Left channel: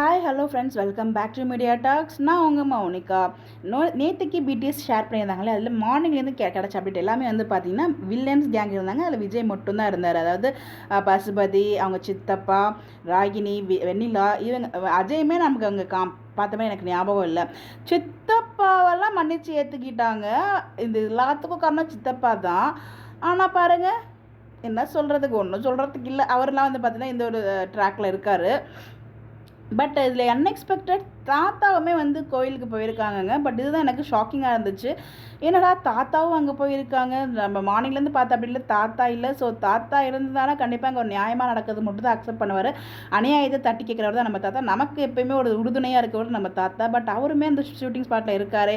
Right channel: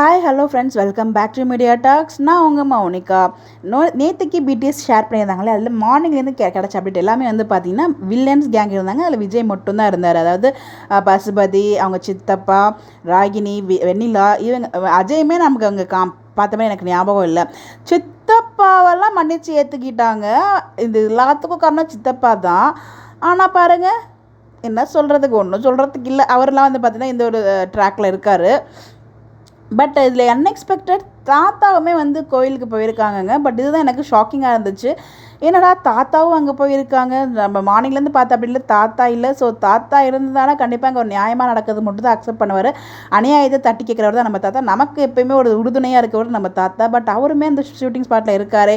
Hi hello friends, welcome back to Media Talks. நான் உங்கள் மௌனிகா. நேற்றுக்கு பிடிஎஸ் ஷேர் பண்ணியிருந்தாங்களே, அதில் மார்னிங்லேருந்து கிடச்ச அப்டேட் எல்லாமே வந்து பார்த்தீங்கன்னா வில்லன்ஸ் கேங் இருந்தாங்க. அதில் விஜய் மட்டும்தான் இருந்தார். அதாவது பசுபதி, அவங்க சித்தப்பா, ராகினி, வெண்ணிலா, இவங்க அஜயுமே நமக்கு அங்கே பார்த்த மாதிரி எனக்கு ஞாபகம் இல்லை. சித்தப்பாவெல்லாம் மன்னிச்சு ஏற்றுக்கிட்டாங்க. இது எல்லாத்துக்கும் காரணம் சித்தப்பா தான். ஆனால் பாருங்கள், என்ன சொல்கிறதுக்கு ஒன்றும் சொல்கிறதுக்கு இல்லை. அவரெல்லாம் வந்து பார்த்தீங்கன்னா இந்த ஒரு ட்ராக்கில் இருக்கார். பட் இதில் அன்எக்ஸ்பெக்டட் தாத்தாவுமே வந்து கோயிலுக்கு போயிருக்காங்கங்க. பட் இதுதான் எனக்கு ஷாக்கிங்காக இருந்துச்சு. என்னடா தாத்தாவும் அங்கே போயிருக்காங்க, நம்ம மார்னிங்லேருந்து பார்த்தா அப்படி இல்லை, தாத்தா இல்லை. ஸோ தாத்தா இருந்ததால கண்டிப்பாக அங்கே ஒரு நியாயமாக நடக்கிறது மட்டும் தான் அக்செப்ட் பண்ணுவார். அநியாயத்தை தட்டி கேட்குறவர் தான் நம்ம தாத்தா. நமக்கு எப்போயுமே ஒரு உறுதுணையாக இருக்கவர் நம்ம தாத்தா. பட் அவருமே அந்த ஷூட்டிங் ஸ்பாட்டில் இருக்கார்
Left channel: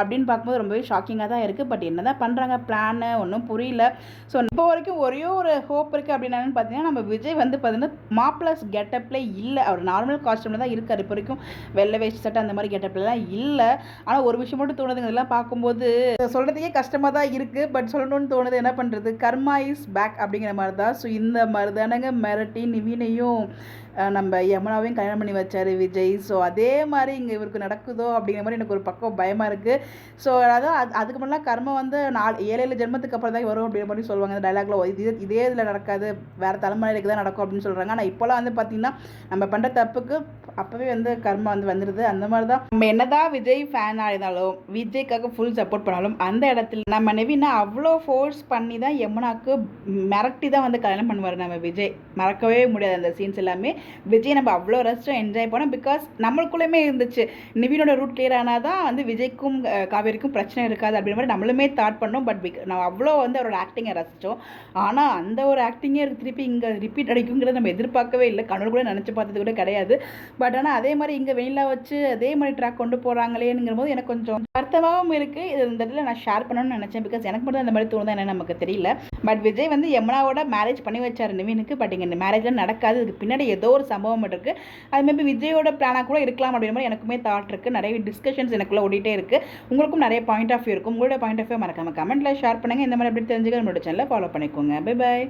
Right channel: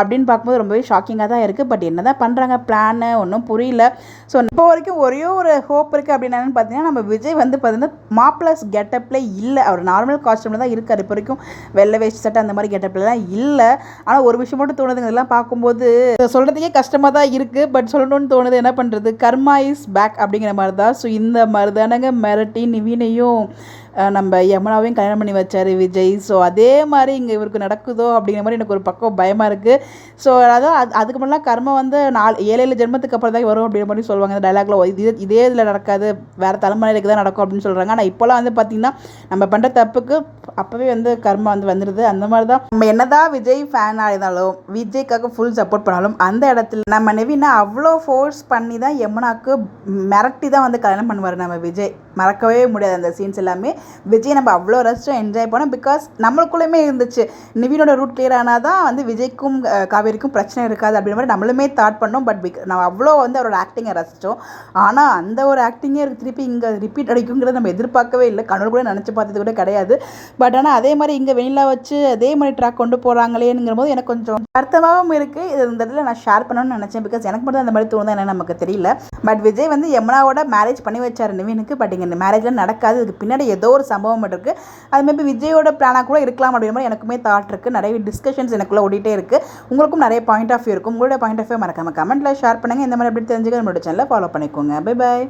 அப்படின்னு பார்க்கும்போது ரொம்பவே ஷாக்கிங்காக தான் இருக்குது. பட் என்ன தான் பண்ணுறாங்க பிளான்னு ஒன்றும் புரியல. ஸோ இப்போ வரைக்கும் ஒரே ஒரு ஹோப் இருக்குது அப்படின்னு என்னென்னு பார்த்தீங்கன்னா, நம்ம விஜய் வந்து பார்த்தீங்கன்னா மாப்ளஸ் கெட்டப்பில் இல்லை. அவர் நார்மல் காஸ்டியூமில் தான் இருக்கார். இப்போ வரைக்கும் வெள்ளை வேஷ்டி சட்டை அந்த மாதிரி கெட்டப்லாம் இல்லை. ஆனால் ஒரு விஷயம் மட்டும் தோணுதுங்க, இதெல்லாம் பார்க்கும்போது சொல்கிறதுக்கே கஷ்டமாக தான் இருக்குது. பட் சொல்லணும்னு தோணுது, என்ன பண்ணுறது, கர்மா இஸ் பேக் அப்படிங்கிற மாதிரி தான். ஸோ இந்த மாதிரி தானங்க மிரட்டி நிவினையும் நம்ம யமுனாவையும் கல்யாணம் பண்ணி வச்சார் விஜய். ஸோ அதே மாதிரி இங்கே இவருக்கு நடக்குதோ அப்படிங்கிற மாதிரி எனக்கு ஒரு பக்கம் பயமாக இருக்குது. ஸோ அதான் அதுக்கு முன்னாடி கர்மம் வந்து 7 ஜென்மத்துக்கு அப்புறம் தான் வரும் அப்படிங்கிற மாதிரி சொல்லுவாங்க இந்த டைலாக்ல. இதே இதில் நடக்காது, வேறு தலைமுறைக்கு தான் நடக்கும் அப்படின்னு சொல்கிறாங்க. ஆனால் இப்போலாம் வந்து பார்த்திங்கன்னா நம்ம பண்ணுற தப்புக்கு அப்போவே வந்து கர்மா வந்து வந்துடுது. அந்த மாதிரி தான் நம்ம என்னதான் விஜய் ஃபேனாக இருந்தாலும், விஜய்க்காக ஃபுல் சப்போர்ட் பண்ணாலும், அந்த இடத்துல நம்ம நெவினை அவ்வளோ ஃபோர்ஸ் பண்ணி தான் யமுனாவுக்கு மிரட்டி தான் வந்து கல்யாணம் பண்ணுவார் நம்ம விஜய். மறக்கவே முடியாது அந்த சீன்ஸ் எல்லாமே. விஜய் நம்ம அவ்வளோ ரசிச்சோம், என்ஜாய் பண்ணோம். பிகாஸ் நம்மளுக்குள்ளேயுமே இருந்துச்சு, நிவினோட ரூட் கிளியர் ஆனால் தான் வந்து விஜய்க்கும் காவேரிக்கும் பிரச்சனை இருக்காது அப்படின்ற மாதிரி நம்மளுமே தாட் பண்ணோம். பட் நம்ம அவ்வளோ வந்து அவரோட ஆக்டிங்கை ரசித்தோம். ஆனால் அந்த ஒரு ஆக்டிங்கே திருப்பி இங்கே ரிப்பீட் அடிக்குங்கிறத நம்ம எதிர்பார்க்கவே இல்லை. கனவு கூட நினச்சி பார்த்தது கூட கிடையாது. பட் ஆனால் அதே மாதிரி இங்கே வெயிலாக வச்சு அதே மாதிரி ட்ராக் கொண்டு போகிறாங்களேங்கிற போது எனக்கு கொஞ்சம் வருத்தமாகவும் இருக்குது. இது இந்த இடத்துல நான் ஷேர் பண்ணணும்னு நினச்சேன். பிகாஸ் எனக்கு மட்டும் அந்த மாதிரி தோணுதா என்னன்னு நமக்கு தெரியல. பட் விஜய் வந்து யமுனாவோட மேரேஜ் பண்ணி வச்சார் நிவினுக்கு. பட் இங்கே மேரேஜ்லாம் நடக்காது. இதுக்கு பின்னாடி ஏதோ ஒரு சம்பவம் இருக்குது. அது மேபி விஜயோட பிளானாக கூட இருக்கலாம் அப்படின்ற மாதிரி எனக்குமே தாட் இருக்குது. நிறைய டிஸ்கஷன்ஸ் எனக்குள்ளே ஓடிட்டே இருக்குது. உங்களுக்கும் நிறைய பாயிண்ட் ஆஃப் வியூ இருக்கும். உங்களோட பாயிண்ட் ஆஃப் வியூ மறக்காம கமெண்ட்டில் ஷேர் பண்ணுங்கள். இந்த மாதிரி எப்படி தெரிஞ்சுக்க நம்மளோட சேனலை ஃபாலோ பண்ணிக்கோங்க. Bye bye.